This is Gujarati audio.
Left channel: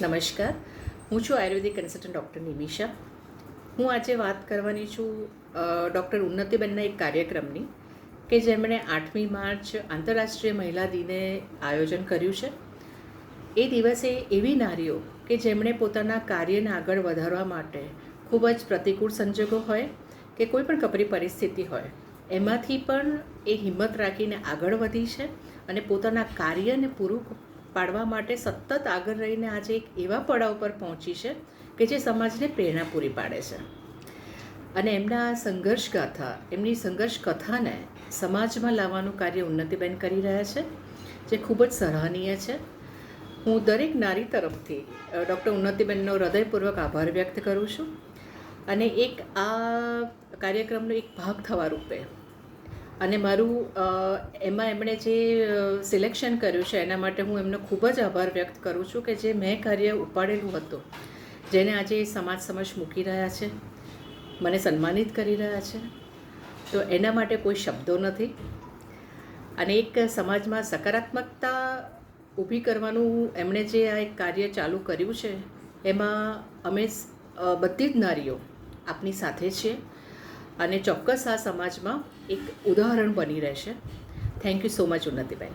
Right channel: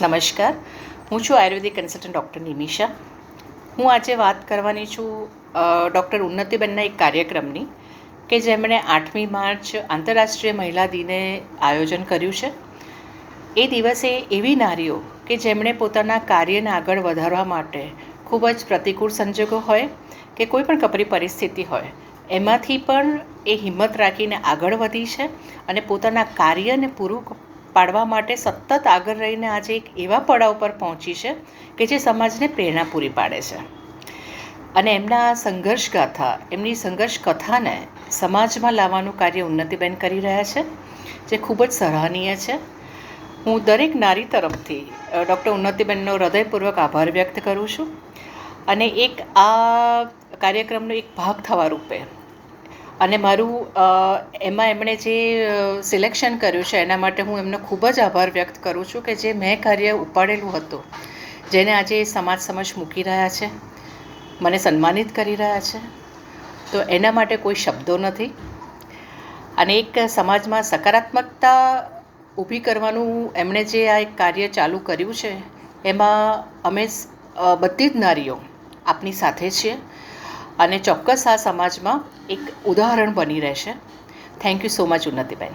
નમસ્કાર, હું છું આયુર્વેદિક કન્સલ્ટન્ટ ડૉક્ટર નિમિષા. હું આજે વાત કરવાની છું ડૉક્ટર ઉન્નતિબેનના એક કાર્યક્રમની કે જેમણે 8મી માર્ચ આંતરરાષ્ટ્રીય મહિલા દિને આયોજન કર્યું છે. એ દિવસે એવી નારીઓ કે જેમણે પોતાના કાર્યને આગળ વધારવા માટે ખૂબ જ પ્રતિકૂળ સંજોગો હોય કે કોઈ પણ કપરી પરિસ્થિતિ હોય એમાંથી પણ એ હિંમત રાખીને આગળ વધી છે અને પોતાના કાર્યને પૂરું પાડવા માટે સતત આગળ રહીને આજે એક એવા પડાવ પર પહોંચી છે કે જે સમાજને પ્રેરણા પૂરી પાડે છે. અને એમના સંઘર્ષ ગાથા, એમની સંઘર્ષ કથાને સમાજમાં લાવવાનું કાર્ય ઉન્નતિબેન કરી રહ્યા છે, જે ખૂબ જ સરાહનીય છે. હું દરેક નારી તરફથી ડૉક્ટર ઉન્નતિબેનનો હૃદયપૂર્વક આભાર વ્યક્ત કરું છું. અને એક આ કાર્યક્રમનો એક ભાગ થવા રૂપે અને મારું એમાં એમણે જે સિલેક્શન કર્યું છે એના માટે હું એમનો ખૂબ જ આભાર વ્યક્ત કરું છું કે જે મેં કાર્ય ઉપાડેલું હતું, જેને આજે સમાજ સમક્ષ મૂકી રહ્યા છે, મને સન્માનિત કરી રહ્યા છે, તો એના માટે કોઈ શબ્દો નથી. અને એક સમાજમાં સકારાત્મકતા ઊભી કરવાનું એમણે જે આ એક કાર્ય ચાલુ કર્યું છે એમાં અમે બધી જ નારીઓ આપની સાથે છીએ અને ચોક્કસ આ સમાજમાં એક ઉદાહરણ બની રહેશે. Thank you so much ઉન્નતિબેન.